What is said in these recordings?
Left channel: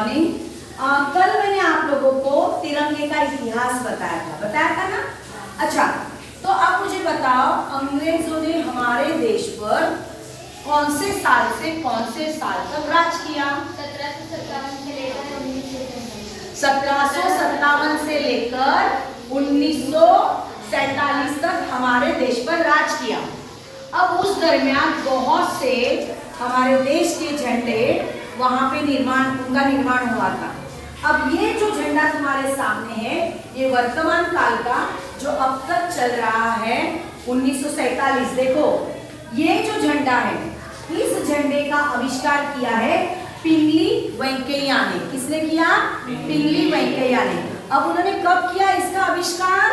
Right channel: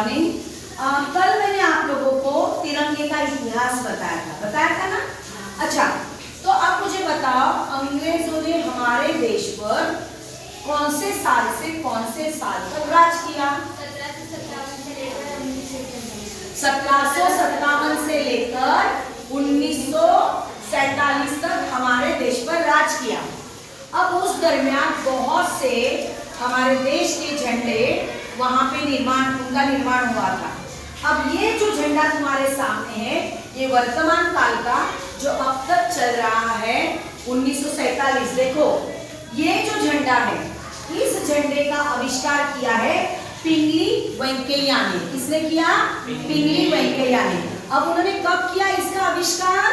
Morning. कल मैंने आप लोगों को तिरंगे का इतिहास बताया था ना। अच्छा, तो अब मुझे बताओ, अंग्रेजों ने हमारे देश पर कौन से साल से कौन से साल तक राज किया? 1757 से लेकर 1947 तक हमारे देश पर राज किया। अब उस दरमियान बहुत से हमारे देश के झंडे वहां पे उनका निर्माण हुआ था। अब ये जो झंडा तुम्हारे सामने है, ये वर्तमान काल का जो अब तक चल रहा है 1947। देखो, ये जो झंडा है, इस झंडे का आविष्कार किया है पिंगली वेंकैया ने। किसने किया? पिंगली वेंकैया ने। अब उन्होंने कब किया इसका आविष्कार?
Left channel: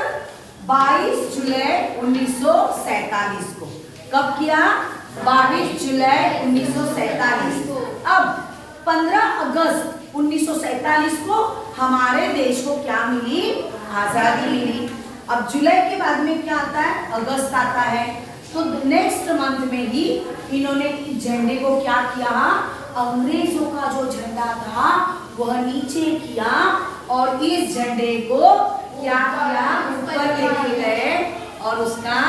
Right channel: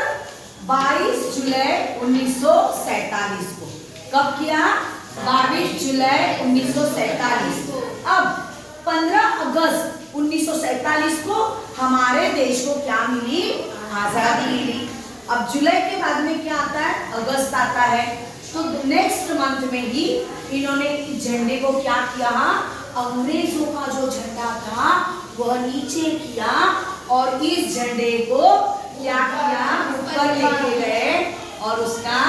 22 जुलाई 1947 को। कब किया? 22 जुलाई 1947 को। अब 15 अगस्त 1947 को हमारे देश को क्या मिली? आजादी मिली। अब जुलाई के बाद में क्या आता है? अगस्त आता है। तो नेक्स्ट मंथ में ही इन्होंने झंडे को क्या किया? अंग्रेजों का जो झंडा था वह नीचे किया और इस झंडे को क्या किया? ऊपर लेके गए और उसका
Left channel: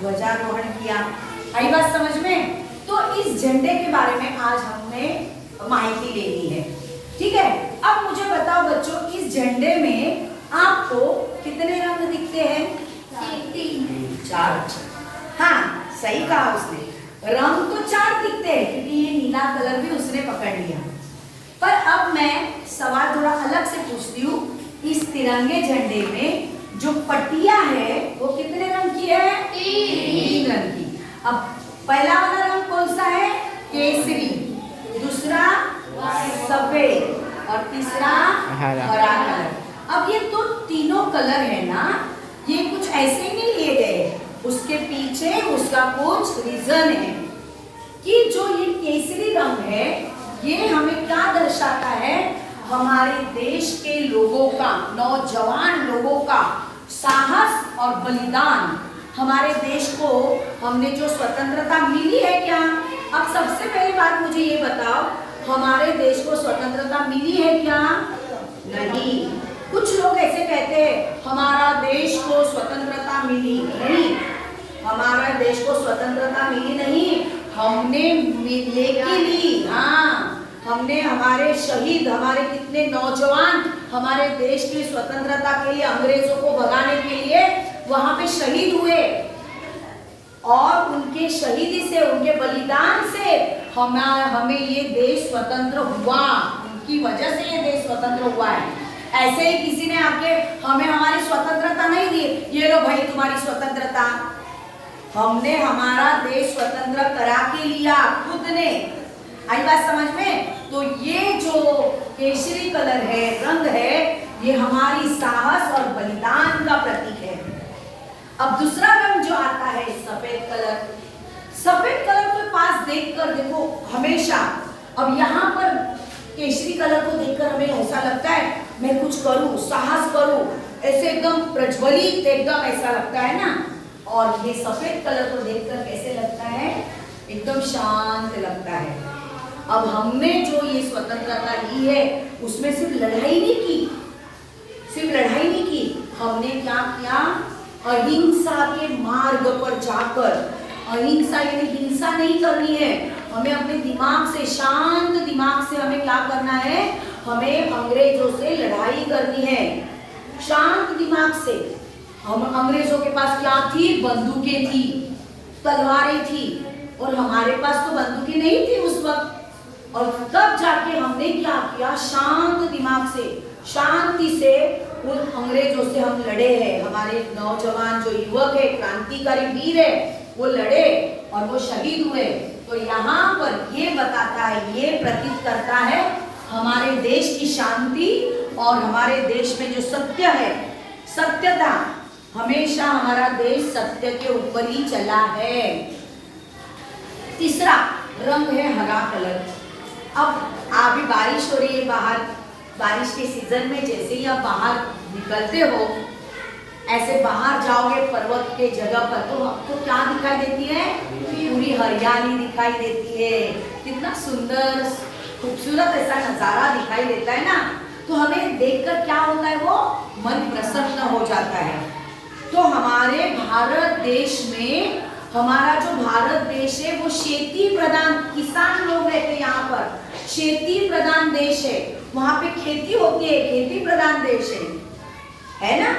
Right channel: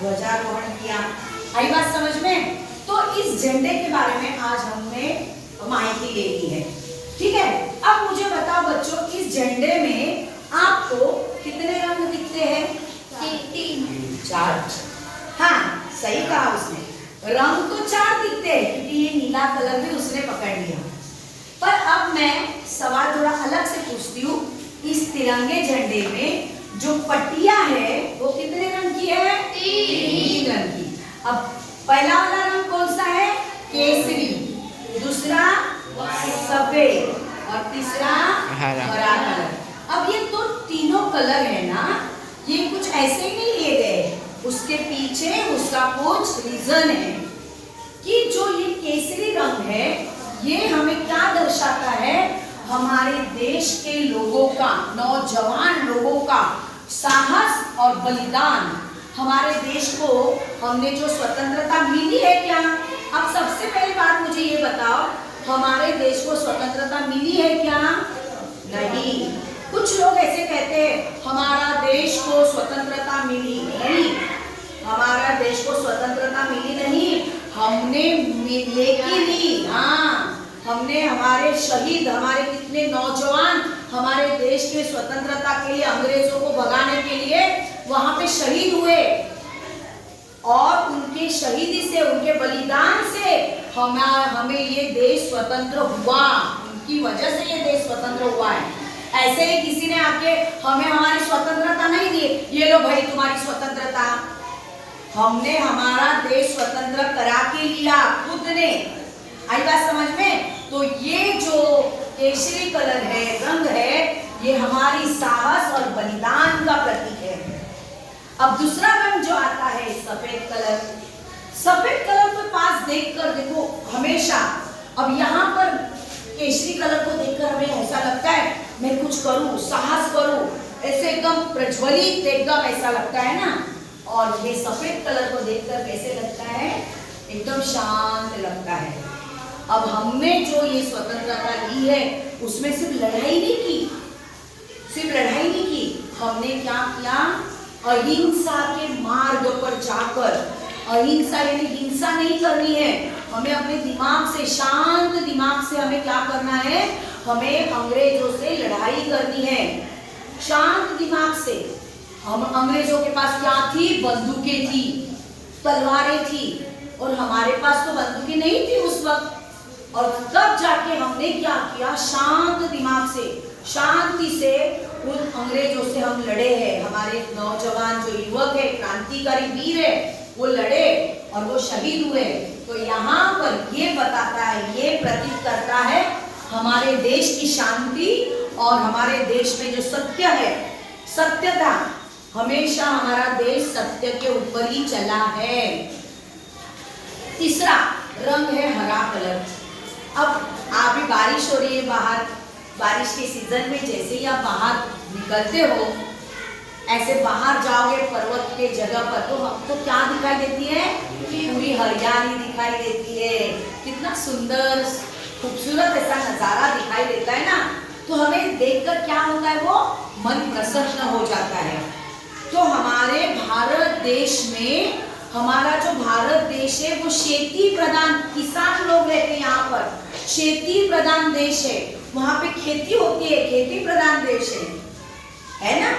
ध्वजारोहण किया। आई बात समझ में? तो इस झंडे के बारे में आज हमने माहिती ले ली है, ठीक है। अब मुझे बताओ बच्चों, इस झंडे में आपको कितने रंग दिखते हैं? 4। हाँ, सही कहा उसने। रंग तो 4 दिखते हैं क्योंकि ये नीला कलर भी उसने पकड़ लिया। पर अब मैं सवाल थोड़ा अलग से पूछती हूँ। इस तिरंगे झंडे में जो पट्टियां है वो कितने रंग की है? 3 रंग की। अब पहला वाला रंग कौन सा है? केसरी, दूसरा सफेद और तीसरा हरा कलर। अब ये तो तीनों कलर है ना, ये कुछ ऐसे ही नहीं लिए गए, उसके पीछे उसका कुछ रीजन है कि जो ये केसरी रंग है ये हमें क्या दर्शाता है? हमारे देश के लोगों का, नौजवान लोगों का साहस और बलिदान। हमारे देश को हमने जो स्वतंत्रता मिली है क्या? अब सबसे पहली बात मुझे ये बताओ, हमारे देश को स्वतंत्रता मिली है क्या? नहीं। कुछ लोग ऐसे कहते हैं हमारा देश को स्वतंत्रता मिली नहीं, हमारा देश को स्वतंत्रता मिली नहीं, हमने लेके ली। हाँ, हमने हमारे शहीद, हमारे कितने नौजवान हमारे देश की स्वतंत्रता के लिए, अंग्रेजों को भगाने के लिए वहां पे शहीद हुए और उनके शहीदी से, उनके बलिदान से हमें ये देश स्वतंत्र हुआ। उनकी वजह से ये देश स्वतंत्र हुआ है। ऐसे ही किसी ने आके हमें हमारी स्वतंत्रता नहीं दी, ये लो भाई तुम्हारी स्वतंत्रता। हमने हमारा देश स्वतंत्र करा के लिया खुद ने। आई बात समझ में? तो ये जो केसरी कलर है, रंग है, ये हमारी साहस और बलिदान का प्रतीक है। अब दूसरा रंग जो आता है सफेद कलर। सफेद कलर को पास देखकर देखो हमेशा। अब यहाँ पर केसरी कलर को देखकर हमें ऐसा लगता है मैं कुछ करूं, साहस करूं, ऐसे एकदम प्रज्वलित, एकदम ऐसा लगता है ना। और ये सफेद कलर को देखकर कैसे लगता है? एकदम शांत लगता है। अब हमने जो ये स्वतंत्रता ली है उसमें सिर्फ लड़ाई नहीं की, हमने क्या किया? अहिंसा के मार्ग पर जाकर, अहिंसा यानी हिंसा नहीं करनी है, हमें अपने दिमाग से, शांत दिमाग से हमें क्या करना है? हमें अंग्रेजों से लड़ाई करनी है शांत दिमाग से। हम अंग्रेजों के पास क्या थी? बंदूकें थी, तलवारें थी, और हमारे पास तो बंदूकें नहीं थी उस वक्त। और तब जाके हमने क्या किया? शांत दिमाग से, शांति से उन अंग्रेजों से हम लड़े हैं। हमारे नौजवान जो युवक है, क्रांतिकारी वीर है, वो लड़े और वो शहीद हुए। तो यहाँ पर ये बताता है, ये प्रतीक करता है हमारे देश की शांति और हमारे देश में जो सत्य है, सत्यता। हमेशा हमारा देश सत्य के ऊपर ही चला है। तीसरा रंग है हरा कलर। अब अभी बारिश हो रही है बाहर, बारिश के सीजन में जैसे ही आप बाहर निकलते हो, ऐसे बाहर जाओगे पर्वत के जगह पर, तो आपको क्या दिखाई देती है? पूरी हरियाली दिखाई देती है। कितना सुंदर खूबसूरत ऐसा नजारा दिखाई देता है ना, तो हमें देखकर क्या होता है, वो मन प्रसन्न हो जाता है। तो हमारे भारत देश में, हमारा जो भारत देश है वो खेती प्रधान, किसान लोग रहते हैं यहाँ पर, खेती प्रधान देश है, वहां पे खेती होती है, खेती प्रधान देश है ना।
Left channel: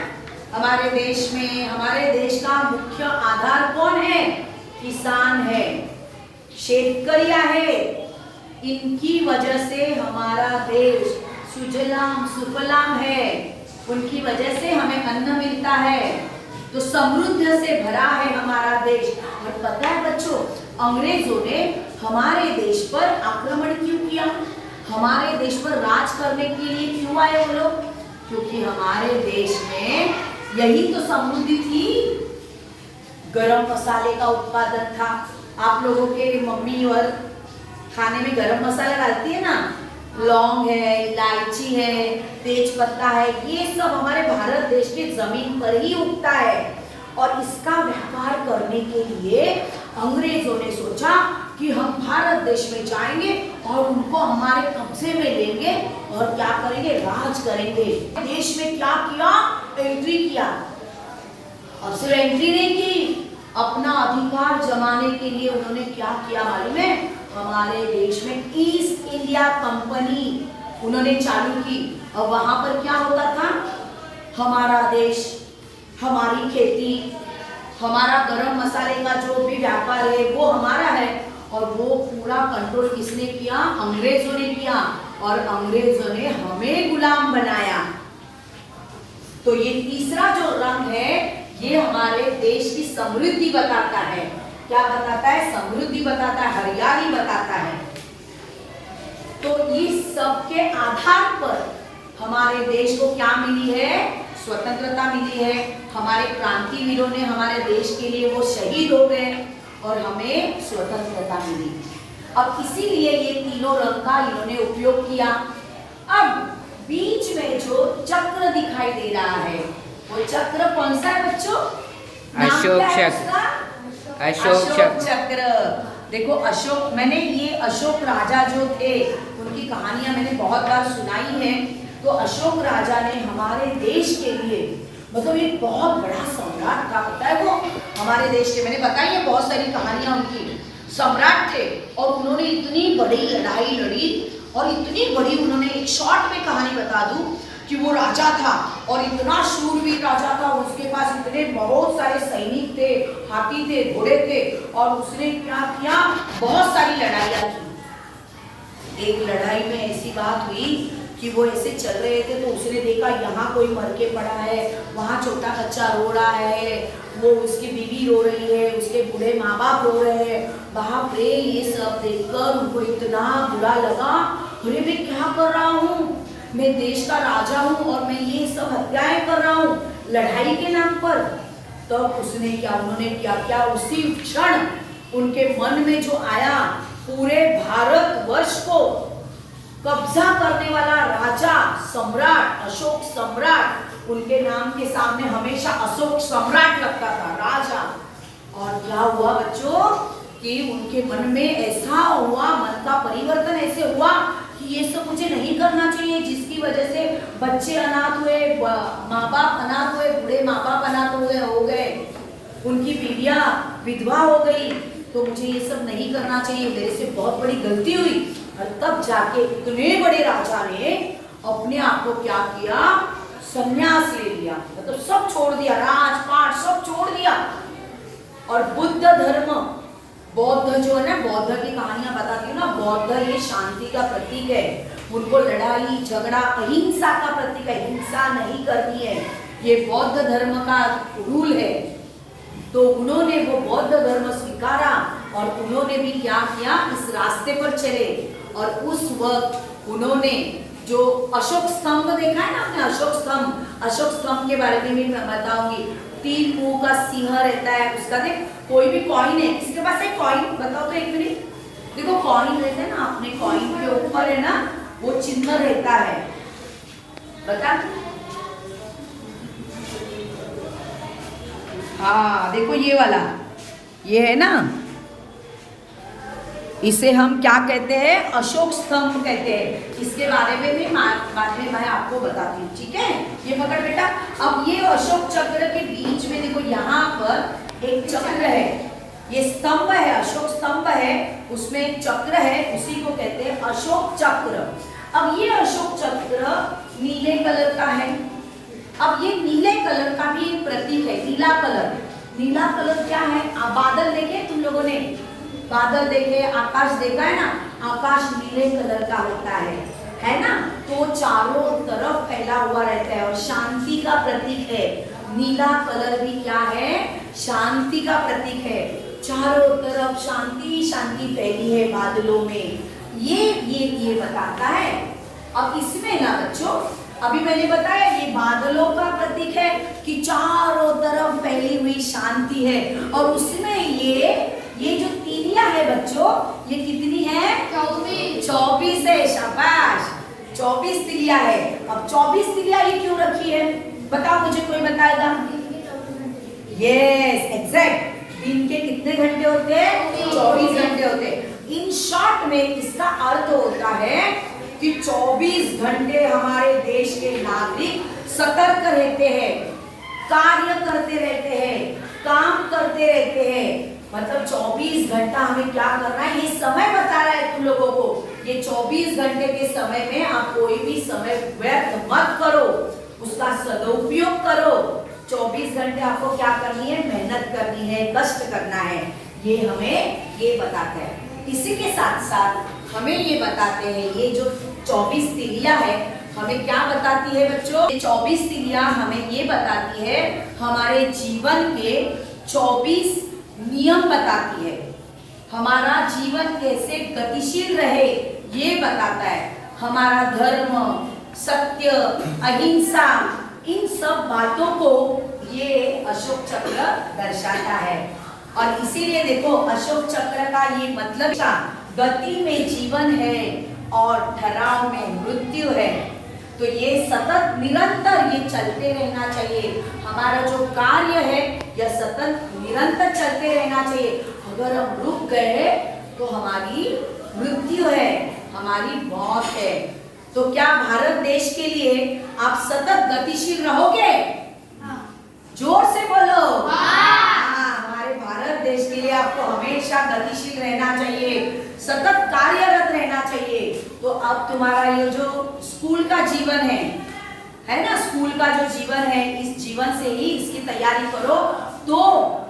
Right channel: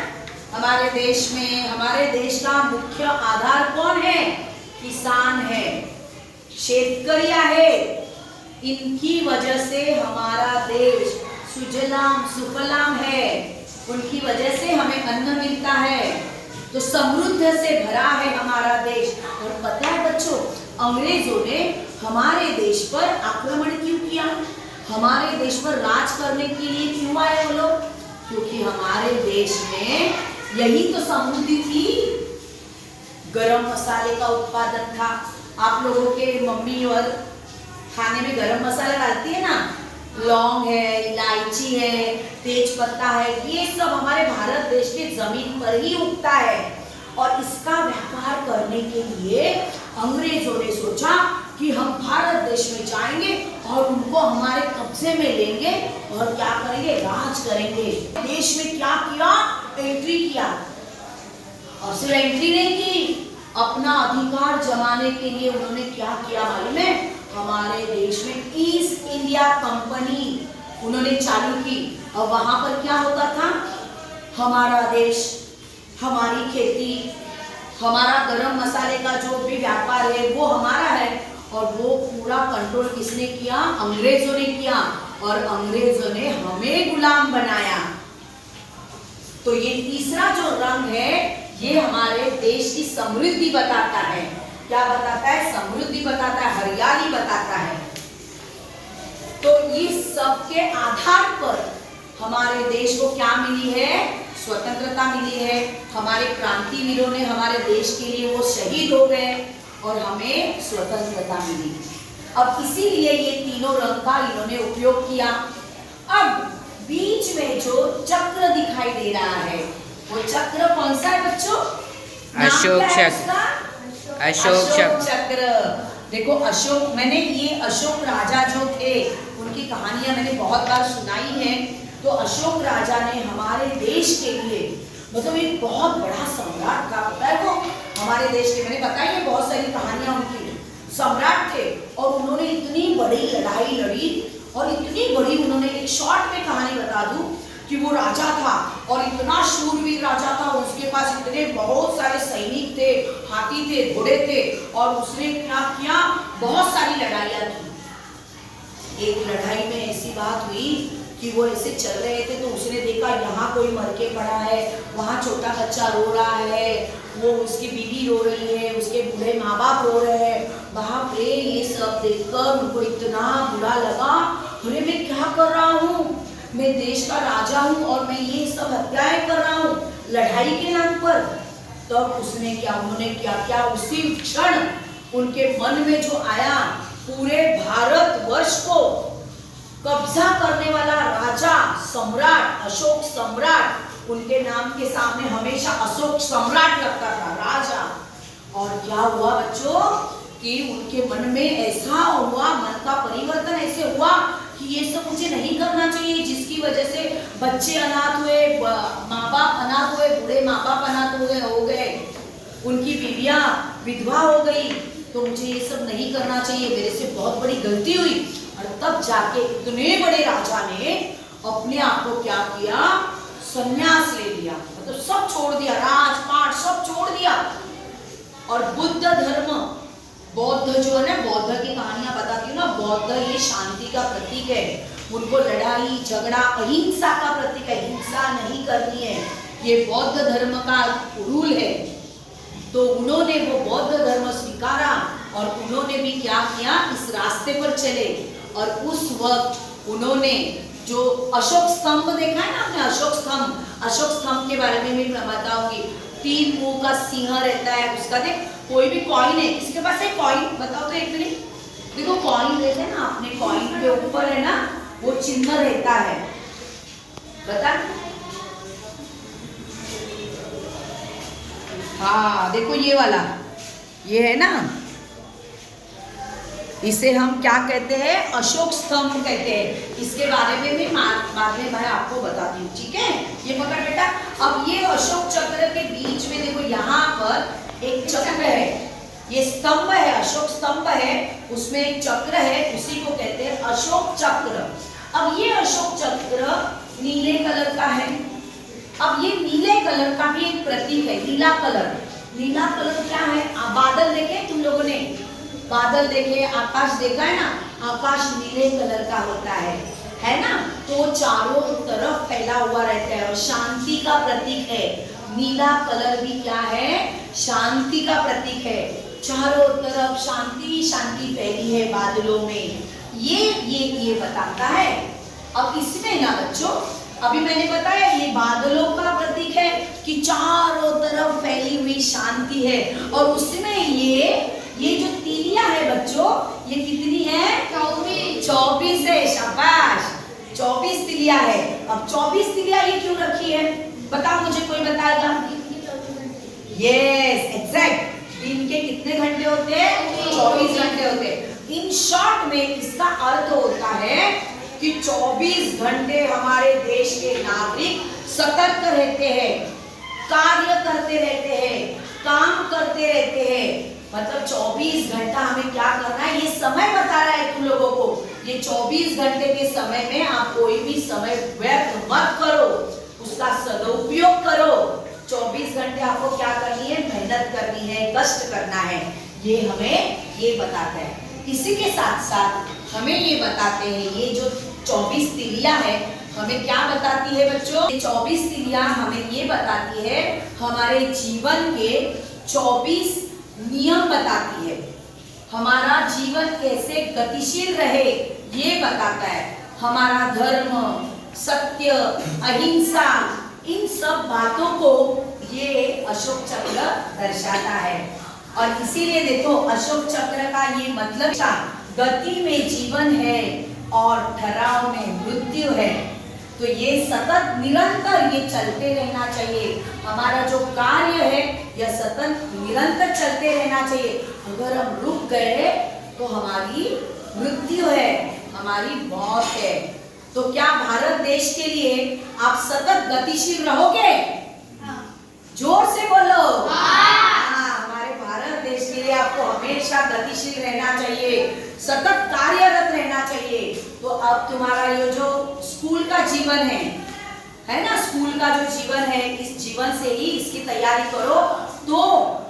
हमारे देश में, हमारे देश का मुख्य आधार कौन है, किसान है, शेतकरिया है। इनकी वजह से हमारा देश सुजलाम सुफलाम है, उनकी वजह से हमें अन्न मिलता है, तो समृद्ध से भरा है हमारा देश। और पता है बच्चों, अंग्रेजों ने हमारे देश पर आक्रमण क्यों किया, हमारे देश पर राज करने के लिए क्यों आए वो लोग, क्योंकि हमारे देश में यही तो समृद्धि थी, गरम मसाले का उत्पादन था। आप लोगों के मम्मी और खाने में गरम मसाला डालती है ना, लौंग है, इलायची है, तेज पत्ता है, ये सब हमारे भारत देश की जमीन पर ही उगता है। और इसका व्यापार करने के लिए अंग्रेजों ने सोचा कि हम भारत देश में जाएंगे और उनको हमारे कब्जे में लेंगे और क्या करेंगे, राज करेंगे। देश में क्या किया, एंट्री किया। और सिर्फ एंट्री नहीं की, अपना अधिकार जमाने के लिए उन्होंने क्या किया मालूम है, हमारे देश में ईस्ट इंडिया कंपनी उन्होंने चालू की। और वहां पर क्या होता था, हमारा देश, हमारी खेती, हमारा गरम मसाले का जो भी व्यापार है वो हमारा है, और वो पूरा कंट्रोल किसने किया, अंग्रेजों ने किया, और अंग्रेजों ने हमें गुलाम बनाया। तो ये तीसरा जो रंग है, ये हमारे देश की समृद्धि बताता है। क्या बताता है, समृद्धि बताता है, हरियाली बताता है। तो इस सब के आधार पर हमारे देश को क्या मिली है, स्वतंत्रता मिली है। हमारे क्रांतिवीरों ने हमारे देश के लिए वो शहीद हो गए और हमें स्वतंत्रता मिली। अब इसीलिए ये तीनों रंग का इन्होंने उपयोग किया। अब बीच में जो चक्र दिखाई दे रहा है, वो चक्र कौन सा है बच्चों, अशोक चक्र। अशोक चक्र। देखो अशोक, मैंने ये अशोक राजा जो थे उनकी कहानियां मैंने बहुत बार सुनाई है। तो अशोक राजा ने हमारे देश के लिए, मतलब एक बहुत बड़ा सम्राट था, पता है वो हमारे देश के, मैंने बताई है बहुत सारी कहानियां उनकी, सम्राट थे। और उन्होंने इतनी बड़ी लड़ाई लड़ी, और इतनी बड़ी, उन्होंने एक शॉर्ट में कहानी बता दूं कि वो राजा था और इतना शूरवीर राजा था, उसके पास इतने बहुत सारे सैनिक थे, हाथी थे, घोड़े थे, और उसने क्या किया, बहुत सारी लड़ाइयाँ की। एक लड़ाई में ऐसी बात हुई कि वो ऐसे चल रहे थे, तो उसने देखा यहाँ कोई मर के पड़ा है, वहाँ छोटा बच्चा रो रहा है, वो उसकी बीवी रो रही है, उसके बूढ़े माँ बाप रो रहे हैं। बाप रे, ये सब देखकर उनको इतना बुरा लगा, अरे मैं क्या कर रहा हूँ, मैं देश का राजा हूँ और मैं ये सब हत्याएं कर रहा हूँ लड़ाई के नाम पर। तब उसने क्या, उन्होंने क्या किया, उसी क्षण उनके मन में जो आया, पूरे भारत वर्ष को कब्जा करने वाला राजा, सम्राट, अशोक सम्राट, उनके नाम के सामने हमेशा अशोक सम्राट लगता था, राजा। और क्या हुआ बच्चों कि उनके मन में ऐसा हुआ, मन का परिवर्तन ऐसे हुआ कि ये सब मुझे नहीं करना चाहिए, जिसकी वजह से बच्चे अनाथ हुए, माँ बाप अनाथ हुए, बूढ़े माँ बाप अनाथ हो गए, उनकी बीवियां विधवा हो गई, तो मुझे ये सब नहीं करना चाहिए, मेरे से बहुत बड़ी गलती हुई। और तब जाके इतने बड़े राजा ने अपने आप को क्या किया, संन्यास ले लिया, मतलब सब छोड़ दिया, राजपाट सब छोड़ दिया। और बुद्ध धर्म, बौद्ध जो है ना, बौद्ध की कहानियां बताती हूँ ना, बौद्ध ये शांति का प्रतीक है, उनको लड़ाई झगड़ा अहिंसा का प्रतीक है, हिंसा नहीं करनी है, ये बौद्ध धर्म का रूल है। तो उन्होंने वो बौद्ध धर्म स्वीकारा और उन्होंने भी क्या किया, इस रास्ते पर चले। और उस वक्त उन्होंने जो अशोक स्तंभ देखा है ना आपने, अशोक स्तंभ के बारे में भी मैं बताऊंगी। 3 मुंह का सिंह रहता है उसका, देख कोई भी कॉइन है, किसके पास है कॉइन, बताओ तो एक मिनट। देखो कॉइन रहता है ना, अपने कॉइन के ऊपर है ना वो चिन्ह रहता है, बता। हाँ देखो ये वाला, ये है ना, इसे हम क्या कहते हैं? अशोक स्तंभ कहते हैं। इसके बारे में भी बाद में मैं आपको बताती हूँ, ठीक है? ये पकड़ बेटा। अब ये अशोक चक्र के बीच में देखो, यहाँ पर एक चक्र है, ये स्तंभ है, अशोक स्तंभ है, उसमें एक चक्र है, उसी को कहते हैं अशोक चक्र। अब ये अशोक चक्र नीले कलर का है। अब ये नीले कलर का भी एक प्रतीक है, नीला कलर। नीला कलर क्या है? बादल देखे तुम लोगों ने? बादल देखे, आकाश देखा है ना? आकाश नीले कलर का होता है ना? तो चारों तरफ फैला हुआ रहता है और शांति का प्रतीक है। नीला कलर भी क्या है? शांति का प्रतीक है। चारों तरफ शांति शांति फैली है बादलों में, ये बताता है। अब इसमें ना बच्चों, अभी मैंने बताया ये बादलों का प्रतीक है कि चारों तरफ फैली हुई शांति है। और उसमें ये जो तिलिया है बच्चों, ये कितनी है? 24 है। शाबाश, 24 तिलिया है। अब 24 तिलिया ये क्यों रखी है? बताओ मुझे, कोई बताएगा? Yes, exact. दिन के कितने घंटे होते हैं? 24 घंटे होते हैं। इन शॉर्ट में इसका अर्थ होता है कि 24 घंटे हमारे देश के नागरिक सतर्क रहते हैं, कार्य करते रहते हैं, काम करते रहते हैं। मतलब 24 घंटा हमें क्या करना है, ये समय बता रहा है तुम लोगों को। ये 24 घंटे के समय में आप कोई भी समय व्यर्थ मत करो, उसका सदुपयोग करो। 24 घंटे आपको क्या करनी है? मेहनत करनी है, कष्ट करना है। ये हमें ये बताता है। इसी के साथ साथ हमें ये बताते हैं, ये जो 24 तिलिया है हमें क्या बताती है बच्चों? 24 तिलिया हमें ये बताती है, हमारे जीवन के 24 नियम बताती है। हमारा जीवन कैसे गतिशील रहे ये बताता है। हमारा धर्म, सत्य, अहिंसा, इन सब बातों को ये अशोक चक्र दर्शाता है। और इसीलिए देखो, अशोक चक्र का ये मतलब क्या? गति में जीवन है और ठहराव में मृत्यु है। तो ये सतत निरंतर ये चलते रहना चाहिए। हमारा जो कार्य है यह सतत निरंतर चलते रहना चाहिए। अगर हम रुक गए तो हमारी मृत्यु है, हमारी मौत है। तो क्या भारत देश के लिए आप सतत गतिशील रहोगे? जोर से बोलो। हमारे भारत देश के लिए आपको हमेशा गतिशील रहना चाहिए, सतत कार्यरत रहना चाहिए। तो अब तुम्हारा ये जो स्कूल का जीवन है ना, स्कूल का जो जीवन है, इस जीवन से ही इसकी तैयारी करो, तो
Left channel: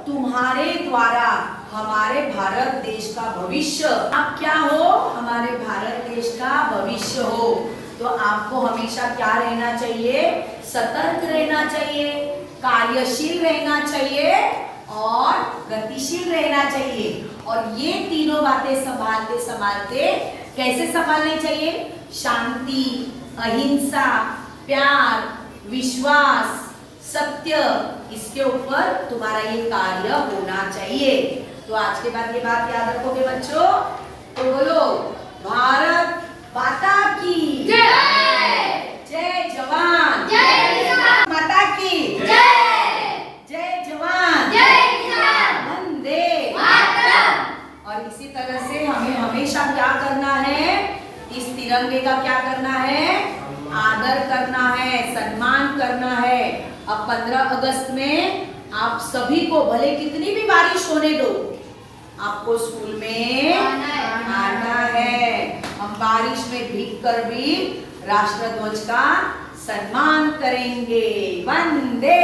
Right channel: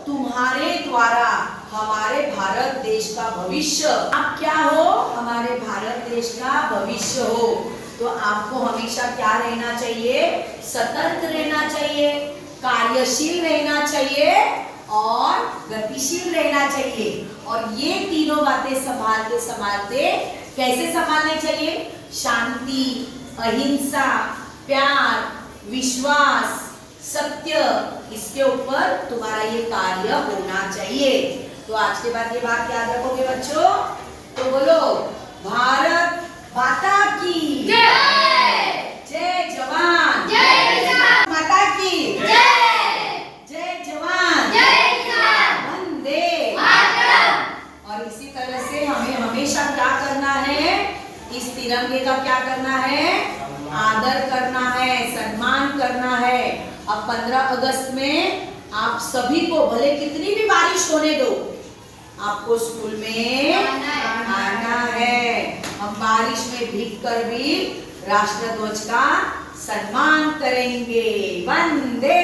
तुम्हारे द्वारा हमारे भारत देश का भविष्य, आप क्या हो? हमारे भारत देश का भविष्य हो। तो आपको हमेशा क्या रहना चाहिए? सतर्क रहना चाहिए, कार्यशील रहना चाहिए और गतिशील रहना चाहिए। और ये तीनों बातें संभालते संभालते कैसे संभालने चाहिए? शांति, अहिंसा, प्यार, विश्वास, सत्य, इसके ऊपर तुम्हारा ये कार्य होना चाहिए। तो आज के बाद ये बात याद रखोगे बच्चों? तो बोलो, भारत माता की जय, जय जवान, जय माता की जय, जय जवान, जय किसान, वंदे मातरम। और इसी तरह से हमें हमेशा क्या करना है? इस तिरंगे का क्या करना है? आदर करना है, सम्मान करना है। अब 15 अगस्त में आप सभी को, भले कितनी भी बारिश होने दो, आपको स्कूल में आना है। हम बारिश में भीग कर भी राष्ट्र ध्वज का सम्मान करेंगे। वंदे